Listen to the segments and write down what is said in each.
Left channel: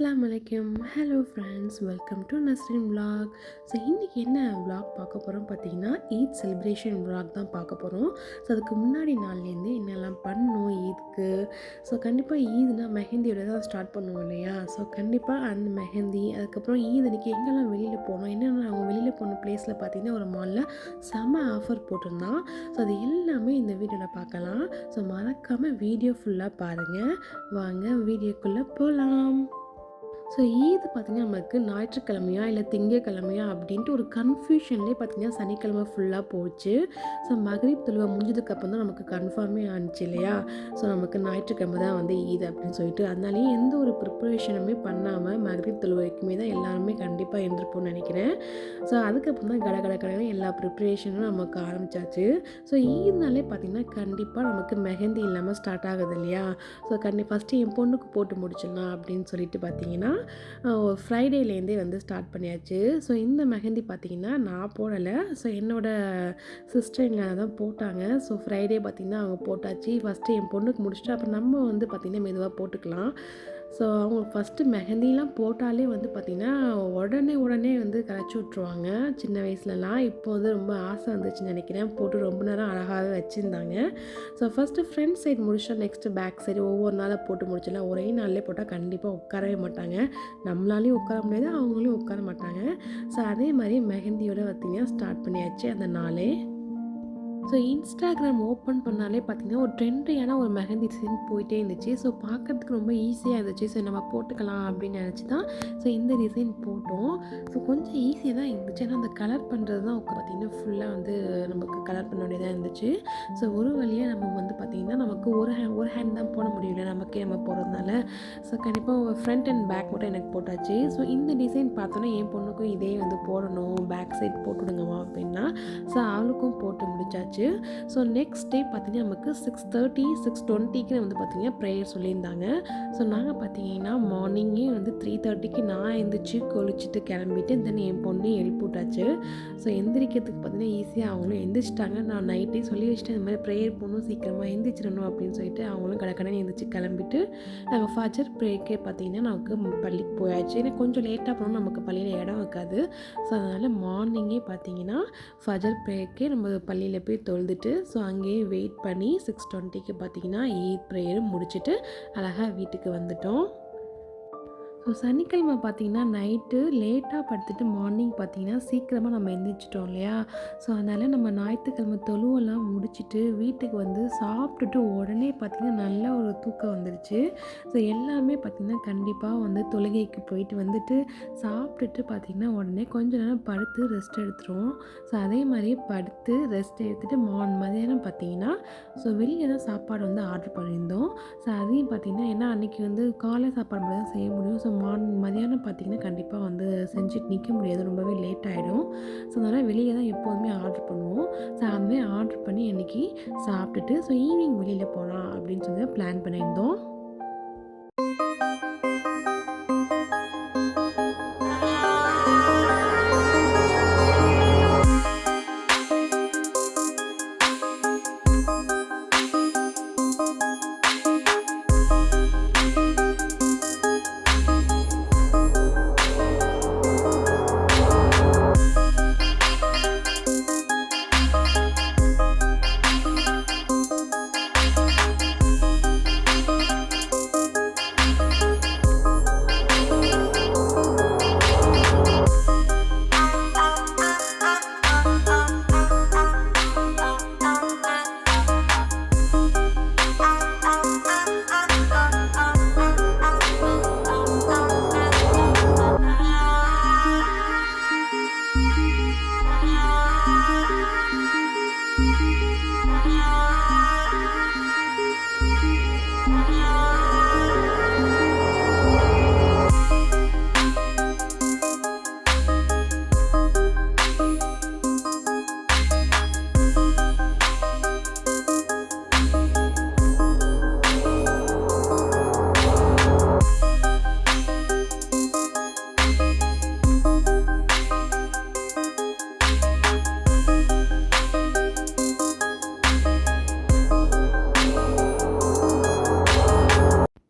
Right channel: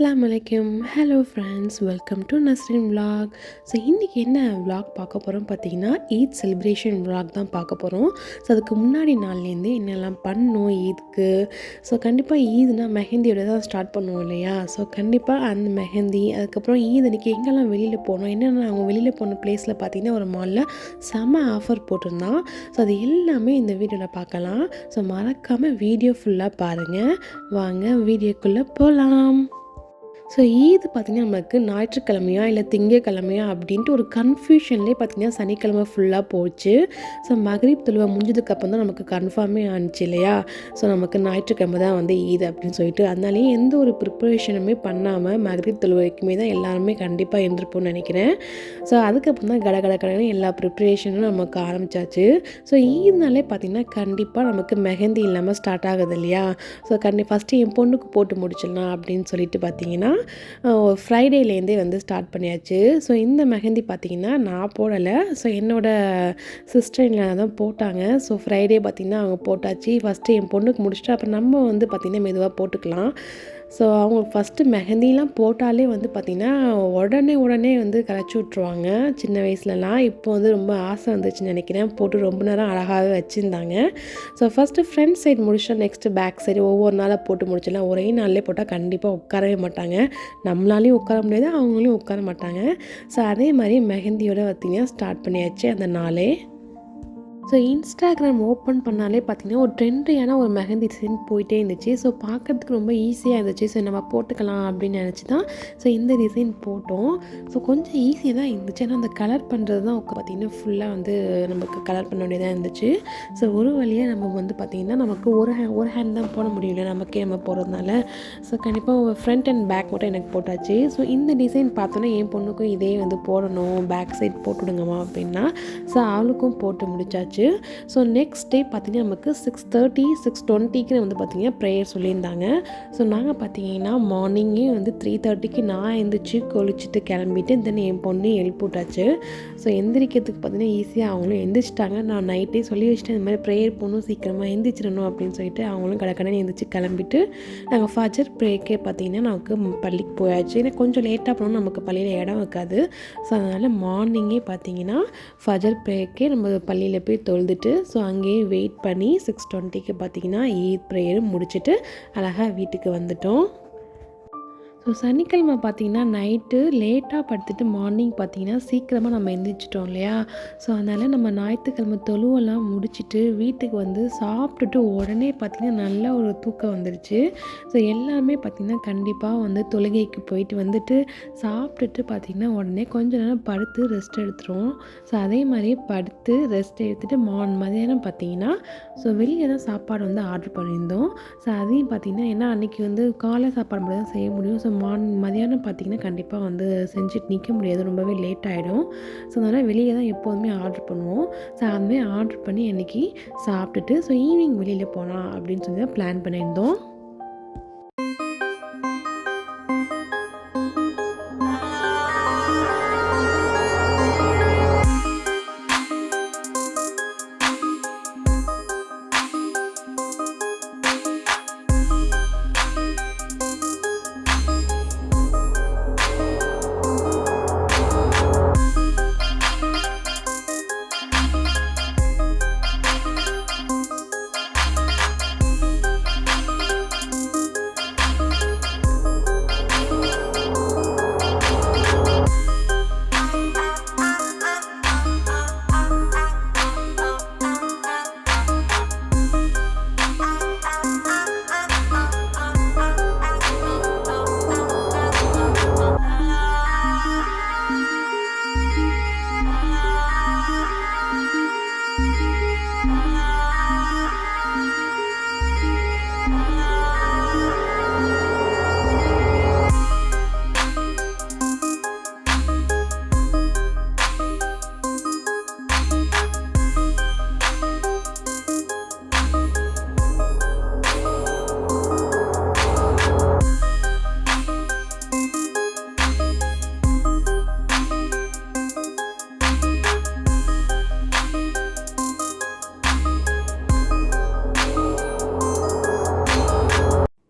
அஸ்ஸலாமு அலைக்கும். Hello friends, welcome to Nasrin vlog. So இன்றைக்கி என்ன விலாக் பார்க்க போகிறோம் பார்த்தீங்கன்னா, ஈத் செலிப்ரேஷன் விலாக் தான் பார்க்க போகிறோம். ஸோ அதுக்கு முன்னாடி நாள்லேருந்து என்னெல்லாம் பண்ணோம் ஈத்க்கு. ஸோ கண்டிப்பாக ஈத்னா மெஹந்தியோட தான் ஸ்டார்ட் பண்ணுவோம் இல்லையா. ஸோ கண்டிப்பாக அந்த மெஹந்தி, அதுக்கப்புறம் ஈத் அன்றைக்கி எங்கெல்லாம் வெளியில் போனோம், என்னென்ன அவங்க வெளியில் போன ப்ளேஸில் பார்த்தீங்கன்னா ஒரு மாலில் செம்ம ஆஃபர் போட்டிருந்தான். ஸோ அது எல்லாமே இந்த வீடியோவில் பார்க்கலாம். ஸோ மறக்காமல் வீடியோ ஃபுல்லாக பாருங்கள். வாங்க வீடியோக்குள்ளே போகலாம். ஸோ ஈது பார்த்திங்கன்னா நமக்கு ஞாயிற்றுக்கிழமையா இல்லை திங்கக்கிழமையா அப்படின்ட்டு ஒரு கன்ஃபியூஷன்லேயே பார்த்திங்கன்னா சனிக்கிழமை ஃபுல்லாக போச்சு. ஸோ மகரிப் தொழுவை முடிஞ்சதுக்கப்புறம் தான் நமக்கு கன்ஃபார்மே ஆனிச்சு இல்லையா. ஸோ நமக்கு ஞாயிற்றுக்கிழமை தான் வந்து ஈது அப்படின்னு சொல்லிட்டு, அதனாலேயே எந்த ஒரு ப்ரிப்பரேஷனுமே பண்ணாமல் மகரிப் தொழுவைக்குமே தான் எல்லாருமே கண்டிப்பாக எழுந்திருப்போம்னு நினைக்கிறேன். ஸோ அதுக்கப்புறம் தான் கடை எல்லா ப்ரிப்பரேஷனும் நமக்கு ஆரம்பித்தாச்சு. ஸோ ஈதுனாலே பார்த்திங்கன்னா கண்டிப்பாக நமக்கு மெஹந்தி இல்லாமல் ஸ்டார்ட் ஆகுது இல்லையா. ஸோ ஃபஸ்ட்டு என் பொண்ணுக்கு போட்டு முடிச்சிடலாம் அப்படின்னு சொல்லிட்டு பார்த்திங்கன்னா ஃப்ரைடேலேருந்தே வந்து ஸ்டார்ட் பண்ணியாச்சு. ஸோ இந்த மெஹந்தி பார்த்திங்கன்னா நான் போடலை. ஸோ என்னோடய சிஸ்டர் இன் லா தான் போட்டாங்க. ஸோ ஃப்ரைடே பார்த்திங்கன்னா அவங்க போட்டாச்சு. ஃபஸ்ட்டு என் பொண்ணுக்கு முடிச்சுட்டு அப்புறம் நம்ம வந்து பார்த்திங்கன்னா மெதுவாக போட்டுக்கலாம். ஸோ அவங்க ஃபஸ்ட்டு மெஹந்திலாம் போட்டாலே வந்து பார்த்திங்கன்னா உடனே வந்து கரைச்சி விட்ருவாங்க சின்ன வயசுலலாம். இப்போ வந்து ரொம்ப ஆசை வந்துச்சுன்னு நினைக்கிறேன். போட்டு ரொம்ப நேரம் அழகாகவே வச்சுருந்தாங்க. ஸோ ஃபஸ்ட்டு ஃப்ரண்ட் சைடு முடிச்சா நெக்ஸ்ட்டு பேக் சைடு ஒவ்வொரு நாளாக போட்டு முடிச்சிடலாம். ஒரே நாள்லேயே போட்டால் கண்டிப்பாக உட்காரவே மாட்டாங்க. நம்மளாலையும் உட்கார முடியாது, அவங்களையும் உட்கார மாட்டாங்க. ஸோ அதே மாதிரி மெஹந்தியோட பார்த்திங்கன்னா ஸ்டார்ட் பண்ணியாச்சு அந்த நாளே. ஸோ இன்ஸ்டாகிராம் ஓப்பன் பண்ணாலே பார்த்திங்கன்னா ஒரு ட்ரெண்டியான ஒரு மெஹந்தி டிசைன் போயிட்டே இருந்துச்சு. ஸோ பார்க்குறதுக்கு ரொம்ப ஈஸியாக இருந்துச்சு. ஸோ நம்ம போட்டுக்கலாம் அப்படின்னு நினச்சி தான் ஸோ இந்த டிசைன் போட்டோம். ஸோ கொஞ்சம் ஈஸியாக தான் இருந்துச்சு. ஆனால் அந்த கலர் பண்ணுறது தான் பார்த்திங்கன்னா ஃபுல்லாக வந்து நமக்கு கலர் பண்ண வேண்டியதாக இருந்துச்சு. ஸோ ஒரு வழியாக நம்ம வந்து பார்த்திங்கன்னா நமக்கு ஒரு ஹேண்ட் தான் போட முடியல நமக்கே நம்ம போடுறதுனால. ஸோ கண்டிப்பாக ஃப்ரண்ட் அண்ட் பேக் மட்டும் எனக்கு போட்டாச்சு. ஸோ இந்த டிசைன் பார்த்தோன்னா என் பொண்ணுக்கும் இதே வந்து போடணும், பேக் சைட் போட்டுவிடுங்கம்மா அப்படின்னா. ஸோ அவளுக்கும் போட்டு முடிச்சாச்சு. ஸோ நெக்ஸ்ட் டே பார்த்திங்கன்னா நமக்கு 6:30 6:20க்கு வந்து பார்த்திங்கன்னா ப்ரேயர் சொல்லியிருந்தாங்க. ஸோ நாங்கள் பார்த்திங்கன்னா மார்னிங்கே வந்து 3:30க்கு நான் எழுந்திரிச்சு குளிச்சுட்டு கிளம்பிட்டு தென் என் பொண்ணு எழுப்பிவிட்டாச்சு. ஸோ எந்திரிக்கிறதுக்கு பார்த்திங்கன்னா ஈஸியாக அவங்களும் எந்திரிச்சிட்டாங்க. நான் நைட்டே சொல்லி வச்சுட்டேன், இந்த மாதிரி ப்ரேயர் போகணும், சீக்கிரமாக எந்திரிச்சிடணும் அப்படின்னு சொல்லிட்டு அவங்களும் கடை எழுந்திரிச்சு கிளம்பிட்டு நாங்கள் ஃபஜர் ப்ரேயர்க்கே பார்த்திங்கன்னா நமக்கு பள்ளிக்கு போயாச்சு. ஏன்னா கொஞ்சம் லேட்டாக போனோம், நமக்கு பள்ளியில் இடம் இருக்காது. ஸோ அதனால் மார்னிங்கே பார்த்திங்கன்னா ஃபஜர் ப்ரேயர்க்கே நம்ம பள்ளியில் போய் தொழுதுட்டு ஸோ அங்கேயே வெயிட் பண்ணி 6:20க்கு பார்த்திங்கன்னா ஈத் ப்ரேயரும் முடிச்சுட்டு அழகாக வீட்டுக்கு வந்துட்டோம். ஸோ சனிக்கிழமை பார்த்திங்கன்னா நைட்டு லேட்டாக படுத்துட்டு மார்னிங் பார்த்திங்கன்னா சீக்கிரமாக நம்ம எந்திரிச்சிட்டோம் இல்லையா. ஸோ அதனால் நம்ம ஞாயிற்றுக்கிழமை தொழுவெல்லாம் முடிச்சுட்டு வீட்டுக்கு வந்து சாப்பிட்டுட்டு உடனே பார்த்திங்கன்னா நல்ல ஒரு தூக்கம் வந்துருச்சு. ஸோ எல்லாருமே பார்த்திங்கன்னா கண்டிப்பாக வந்து தொழுகைக்கு போயிட்டு வந்துட்டு சாப்பிட்டுட்டு பார்த்திங்கன்னா உடனே கொஞ்சம் நேரம் படுத்து ரெஸ்ட் எடுத்துருவோம். ஸோ அதே மாதிரியே படுத்து ரெஸ்ட் எடுத்துகிட்டு மதியானம் பார்த்திங்கன்னா ஸோ வெளியே தான் சாப்பாடு வந்து ஆர்டர் பண்ணியிருந்தோம். ஸோ அதையும் பார்த்திங்கன்னா ஏன்னா அன்றைக்கி வந்து காலை சாப்பாடு மட்டும் தான் செய்ய முடியும். ஸோ மதியானம் பார்த்திங்கன்னா கண்டிப்பாக வந்து செஞ்சுட்டு நிற்க முடியாது, ரொம்பவே லேட் ஆகிடும். ஸோ அதனால் வெளியே தான் எப்போதுமே ஆர்டர் பண்ணுவோம். ஸோ அதுமாதிரி ஆர்டர் பண்ணி அன்றைக்கி சாப்பிட்டுட்டு ஸோ ஈவினிங் வெளியில் போகலாம் அப்படின்னு சொல்லி தான் பிளான் பண்ணியிருந்தோம்.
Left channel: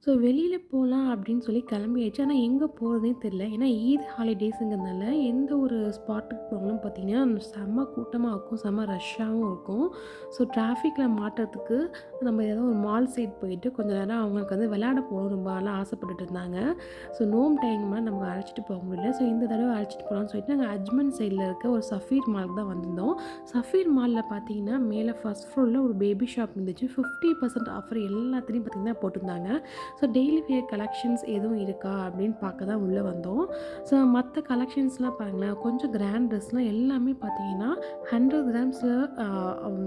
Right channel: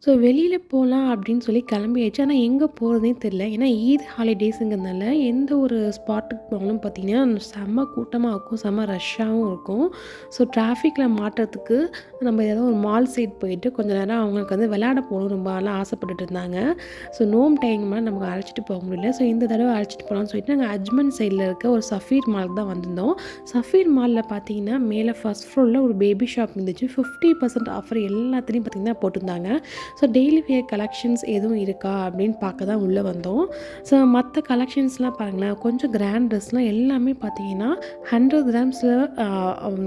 ஸோ வெளியில போலாம் அப்படின்னு சொல்லி கிளம்பியாச்சு. ஆனா எங்க போறதுன்னே தெரியல. ஏன்னா ஈத் ஹாலிடேஸுங்கிறதுனால எந்த ஒரு ஸ்பாட்டுக்கு போனாலும் பார்த்தீங்கன்னா, செம்ம கூட்டமா இருக்கும். செம்ம ரஷ்ஷாவும் இருக்கும். ஸோ டிராஃபிக்ல மாட்டுறதுக்கு நம்ம ஏதாவது ஒரு மால் சைட் போயிட்டு கொஞ்ச நேரம் அவங்களுக்கு வந்து விளையாட போகணும் ரொம்ப நாளா ஆசைப்பட்டுட்டு இருந்தாங்க. ஸோ நோம்பு டைம்ல நமக்கு அழைச்சிட்டு போக முடியல. ஸோ இந்த தடவ அழைச்சிட்டு போலான்னு சொல்லிட்டு நாங்க அஜ்மன் சைட்ல இருக்க ஒரு சஃபீர் மாலுக்கு தான் வந்திருந்தோம். சஃபீர் மால்ல பார்த்தீங்கன்னா, மேல ஃபர்ஸ்ட் ஃப்ளோர்ல ஒரு பேபி ஷாப் இருந்துச்சு. 50% ஆஃபர் எல்லாத்துலயும் பார்த்தீங்கன்னா போட்டிருந்தாங்க. ஸோ டெய்லி வியர் கலெக்ஷன்ஸ் எதுவும் இருக்கா அப்படின்னு பார்க்க தான் உள்ளே வந்தோம். ஸோ மற்ற கலெக்ஷன்ஸ்லாம் பாருங்களேன், கொஞ்சம் கிராண்ட் ட்ரெஸ்லாம் எல்லாமே பார்த்தீங்கன்னா 100 கிராம்ஸில்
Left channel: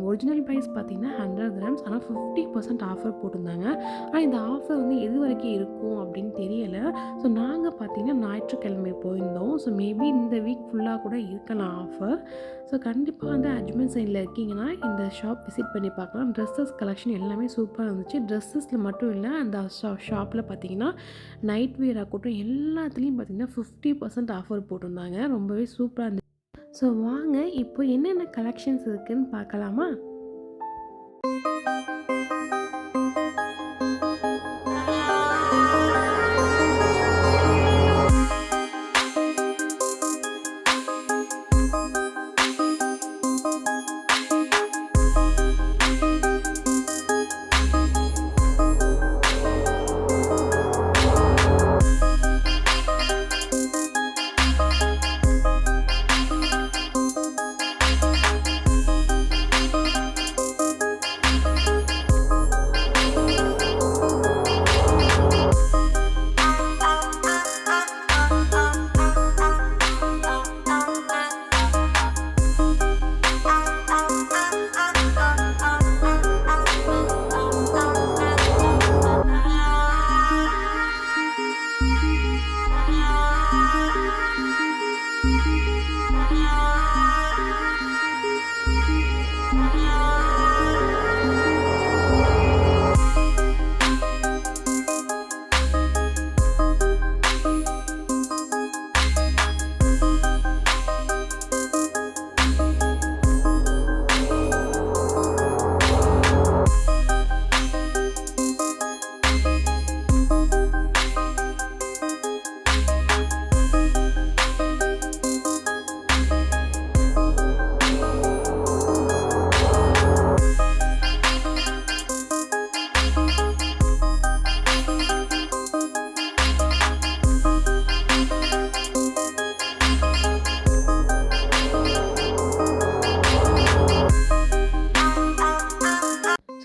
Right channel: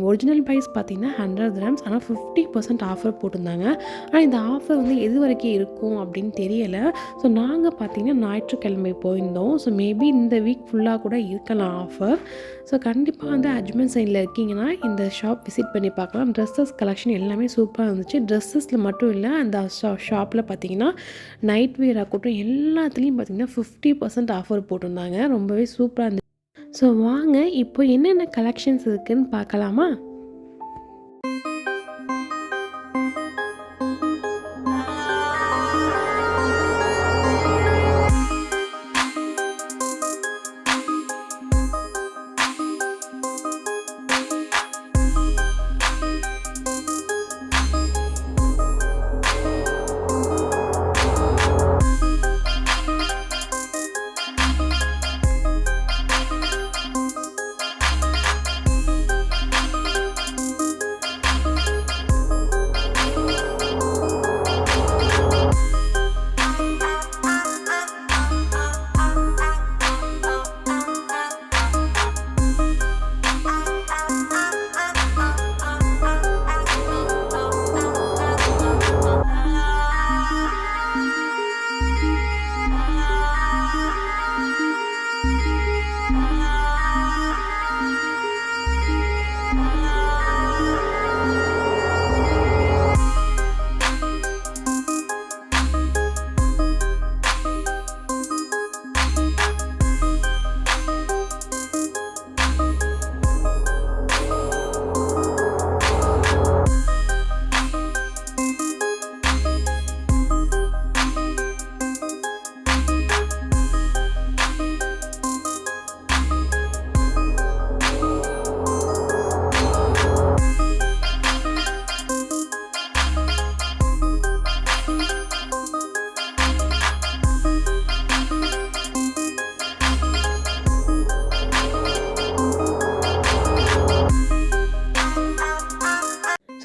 ஒரிஜினல் ப்ரைஸ் பார்த்தீங்கன்னா 100 கிராம்ஸ். ஆனால் 50% ஆஃபர் போட்டிருந்தாங்க. ஆனால் இந்த ஆஃபர் வந்து எது வரைக்கும் இருக்கும் அப்படின்னு தெரியல. ஸோ நாங்கள் பார்த்தீங்கன்னா ஞாயிற்றுக்கிழமை போயிருந்தோம். ஸோ மேபி இந்த வீக் ஃபுல்லாக கூட இருக்கலாம் ஆஃபர். ஸோ கண்டிப்பாக வந்து அஜ்மன் சைடில் இருக்கீங்கன்னா இந்த ஷாப் விசிட் பண்ணி பார்க்கலாம். ட்ரெஸ்ஸஸ் கலெக்ஷன் எல்லாமே சூப்பராக இருந்துச்சு. ட்ரெஸ்ஸஸில் மட்டும் இல்லை, அந்த ஷாப்பில் பார்த்தீங்கன்னா நைட் வியர் ஆகட்டும் எல்லாத்துலேயும் பார்த்தீங்கன்னா 50% ஆஃபர் போட்டிருந்தாங்க. ரொம்பவே சூப்பராக இருந்துச்சு. ஸோ வாங்க இப்போ என்னென்ன கலெக்ஷன்ஸ் இருக்குதுன்னு பார்க்கலாமா?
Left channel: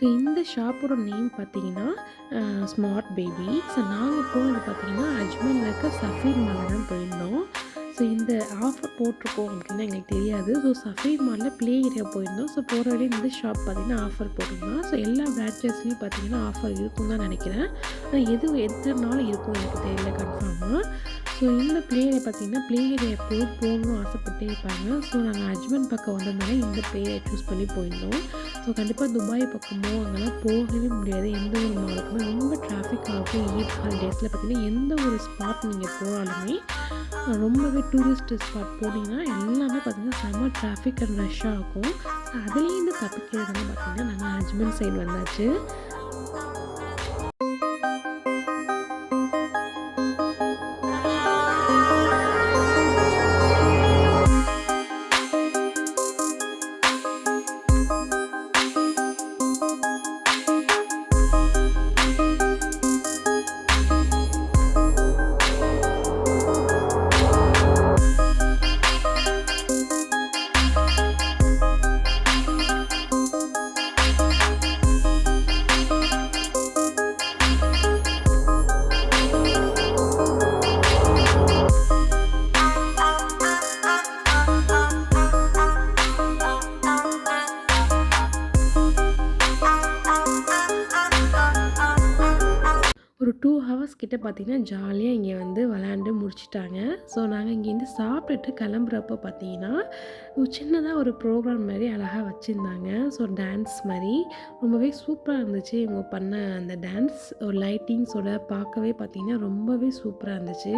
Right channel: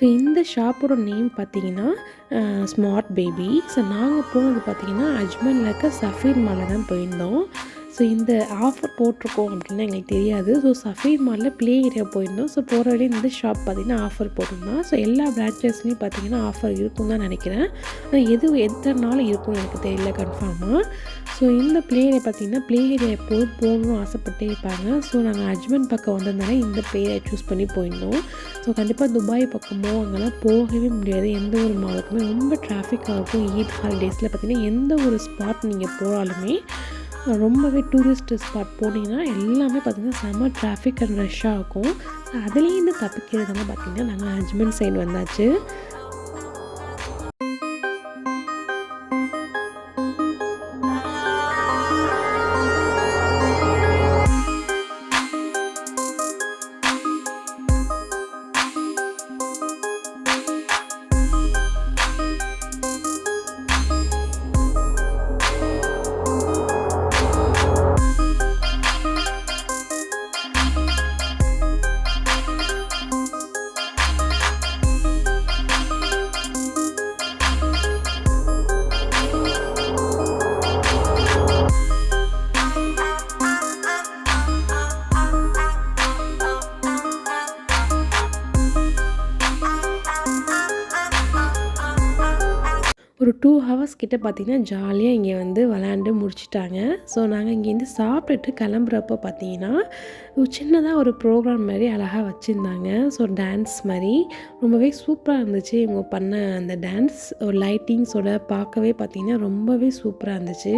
ஸோ இந்த ஷாப்போட நேம் பார்த்தீங்கன்னா ஸ்மார்ட் பேபி. ஸோ நாங்கள் போனது பார்த்தீங்கன்னா அஜ்மனில் இருக்க சஃபீர் மாலில் தான் போயிருந்தோம். ஸோ இந்த ஆஃபர் போட்டிருக்கோம் அப்படின்னு எங்களுக்கு தெரியாது. ஸோ சஃபீர் மாலில் ப்ளே ஏரியா போயிருந்தோம். ஸோ போகிற வழியே இந்த ஷாப் பார்த்திங்கன்னா ஆஃபர் போட்டிருந்தோம். ஸோ எல்லா பிரான்ச்சஸ்லேயும் பார்த்திங்கன்னா ஆஃபர் இருக்குன்னு தான் நினைக்கிறேன். ஆனால் எத்தனை நாள் இருக்கும்னு எனக்கு தெரியல கன்ஃபார்மாக. ஸோ இந்த ப்ளே ஏரியா பார்த்திங்கன்னா ப்ளே ஏரியா எப்போதும் போகணும்னு ஆசைப்பட்டே இருப்பாங்க. ஸோ நாங்கள் அஜ்மன் பக்கம் வந்ததுனால இந்த ப்ளே ஏரியா சூஸ் பண்ணி போயிருந்தோம். ஸோ கண்டிப்பாக துபாய் பக்கமோ அங்கெல்லாம் போகவே முடியாது. எந்த ஒரு மாலுக்குமே ரொம்ப டிராஃபிக்காக இருக்கும். ஈத் ஹாலிடேஸில் பார்த்திங்கன்னா எந்த ஒரு ஸ்பாட் நீங்கள் போனாலுமே ரொம்பவே டூரிஸ்ட் ஸ்பாட் போனீங்கன்னா எல்லாமே பார்த்திங்கன்னா செம்ம டிராஃபிக் அண்ட் ரஷ்ஷாக இருக்கும். அதுலேருந்து தப்பிக்கிறதுனா பார்த்திங்கன்னா நாங்கள் அஜ்மன் சைடு வந்தாச்சு. ஒரு 2 ஹவர்ஸ் கிட்ட பார்த்திங்கன்னா ஜாலியாக இங்கே வந்து விளையாண்டு முடிச்சுட்டாங்க. ஸோ நாங்கள் இங்கேருந்து சாப்பிட்டுட்டு கிளம்புறப்போ பார்த்திங்கன்னா சின்னதாக ஒரு ப்ரோக்ராம் மாதிரி அழகாக வச்சுருந்தாங்க. ஸோ டான்ஸ் மாதிரி ரொம்பவே சூப்பராக இருந்துச்சு. இவங்க பண்ண அந்த டான்ஸ் ஒரு லைட்டிங்ஸோட பார்க்கவே பார்த்திங்கன்னா ரொம்பவே சூப்பராக இருந்துச்சு.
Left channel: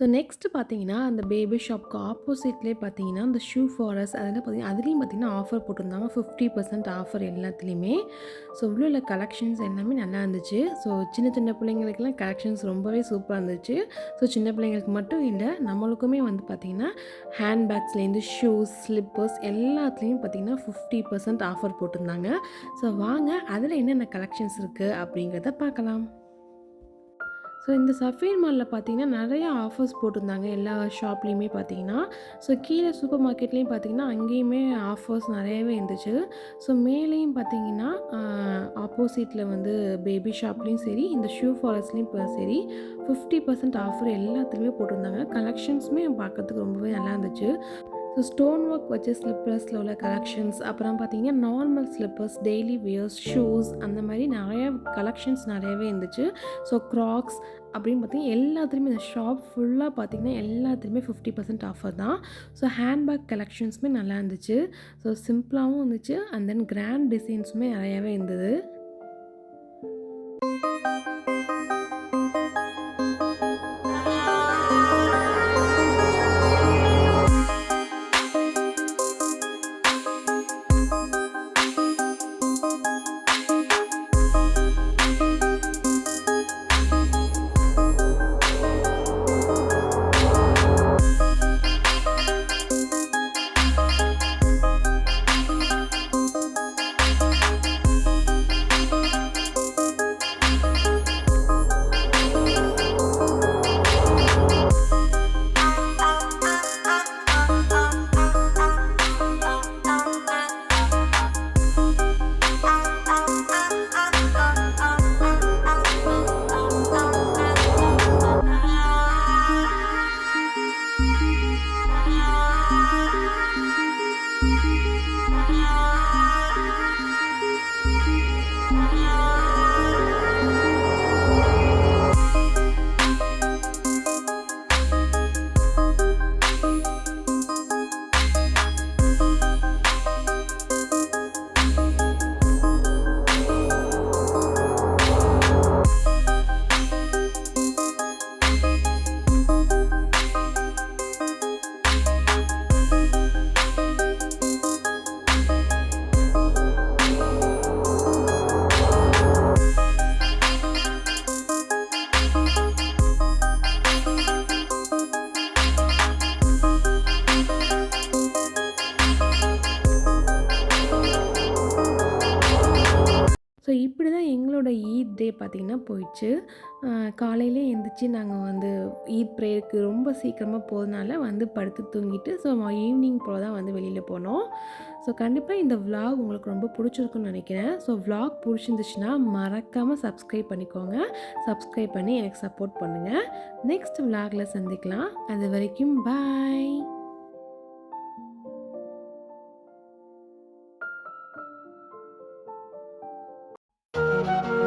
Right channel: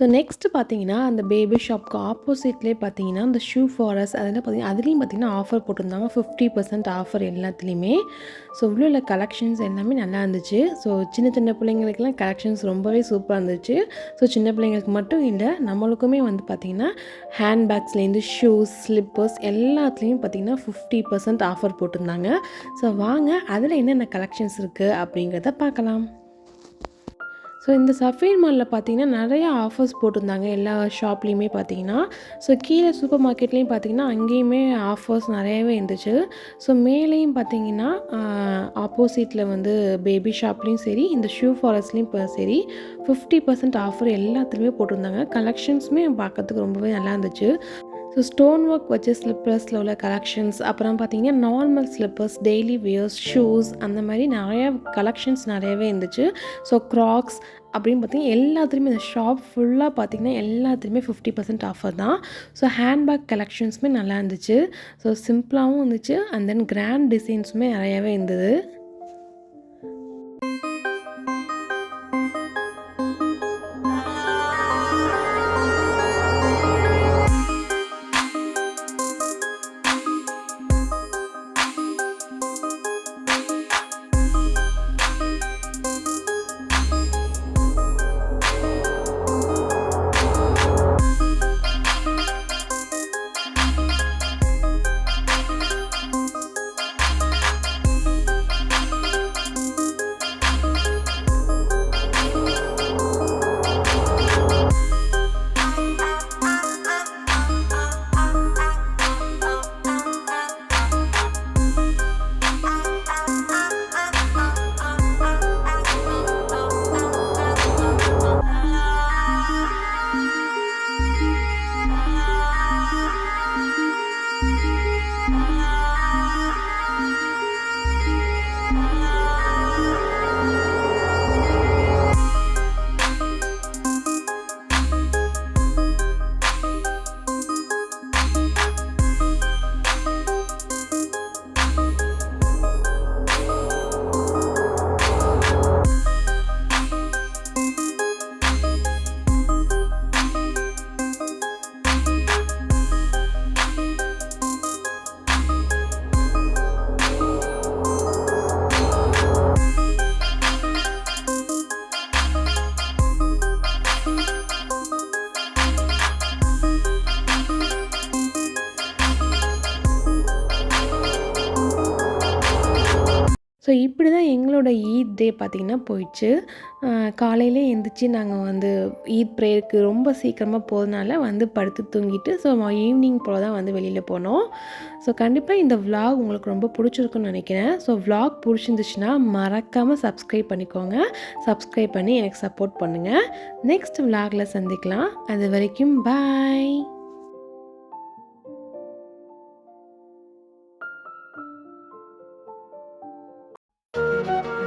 ஸோ நெக்ஸ்ட்டு பார்த்தீங்கன்னா, அந்த பேபி ஷாப்க்கு ஆப்போசிட்லேயே பார்த்தீங்கன்னா, அந்த ஷூ ஃபாரஸ்ட் அதெல்லாம் பார்த்தீங்கன்னா அதுலேயும் பார்த்தீங்கன்னா ஆஃபர் போட்டிருந்தாங்க. 50% ஆஃபர் எல்லாத்துலேயுமே. ஸோ உள்ள உள்ள கலெக்ஷன்ஸ் எல்லாமே நல்லா இருந்துச்சு. ஸோ சின்ன சின்ன பிள்ளைங்களுக்கெல்லாம் கலெக்ஷன்ஸ் ரொம்பவே சூப்பரா இருந்துச்சு. ஸோ சின்ன பிள்ளைங்களுக்கு மட்டும் இல்ல, நம்மளுக்குமே வந்து பார்த்தீங்கன்னா, ஹேண்ட் பேக்ஸ்லேருந்து ஷூஸ், ஸ்லிப்பர்ஸ் எல்லாத்துலேயும் பார்த்தீங்கன்னா 50% ஆஃபர் போட்டிருந்தாங்க. ஸோ வாங்க அதில என்னென்ன கலெக்ஷன்ஸ் இருக்கு அப்படிங்கிறத பார்க்கலாம். ஸோ இந்த சஃபீர் மால்ல பார்த்தீங்கன்னா, நெறைய ஆஃபர்ஸ் போட்டிருந்தாங்க எல்லா ஷாப்லேயுமே பார்த்தீங்கன்னா. ஸோ கீழ சூப்பர் மார்க்கெட்லேயும் பார்த்தீங்கன்னா, அங்கேயுமே ஆஃபர்ஸ் நெறையவே இருந்துச்சு. ஸோ மேலேயும் பார்த்தீங்கன்னா, ஆப்போசிட்ல வந்து பேபி ஷாப்லேயும் சரி, இந்த ஷூ ஃபாரஸ்ட்லேயும் இப்போ சரி 50% ஆஃபர் எல்லாத்துலேயுமே போட்டிருந்தாங்க. கலெக்ஷன்ஸுமே பார்க்கறதுக்கு ரொம்பவே நல்லா இருந்துச்சு. ஸோ ஸ்டோன் ஒர்க் வச்ச ஸ்லிப்பர்ஸில் உள்ள கலெக்ஷன்ஸ், அப்புறம் பார்த்தீங்கன்னா normal slippers, daily wears, shoes அந்த மாதிரி நிறையா கலெக்ஷன்ஸ் நிறையவே இருந்துச்சு. ஸோ க்ராக்ஸ் அப்படின்னு பார்த்தீங்கன்னா எல்லாத்துலேயுமே இந்த ஷாப் ஃபுல்லாக பார்த்தீங்கன்னா எல்லாத்துலேயுமே 50% ஆஃபர் தான். ஸோ ஹேண்ட்பேக் கலெக்ஷன்ஸுமே நல்லா இருந்துச்சு. ஸோ சிம்பிளாகவும் இருந்துச்சு அண்ட் தென் கிராண்ட் டிசைன்ஸுமே நிறையாவே இருந்தது. ஸோ இப்படி தான் எங்களோட ஈத் டே பார்த்திங்கன்னா போயிடுச்சு. காலையிலே எந்திரிச்சு நாங்கள் வந்து ஈத் ப்ரேயருக்கு ரொம்ப சீக்கிரமாக போகிறதுனால வந்து படுத்து தூங்கிட்டு ஸோ ஈவினிங் போல் தான் வந்து வெளியில் போனோம். ஸோ கண்டிப்பாக இந்த விலாக் உங்களுக்கு ரொம்ப பிடிச்சிருக்குன்னு நினைக்கிறேன். ஸோ விலாக் பிடிச்சிருந்துச்சுன்னா மறக்காமல் சப்ஸ்கிரைப் பண்ணிக்கோங்க. சப்ஸ்கிரைப் பண்ணி எனக்கு சப்போர்ட் பண்ணுங்கள். நெக்ஸ்ட் விலாகில் சந்திக்கலாம். அது வரைக்கும் பாய். Thank you.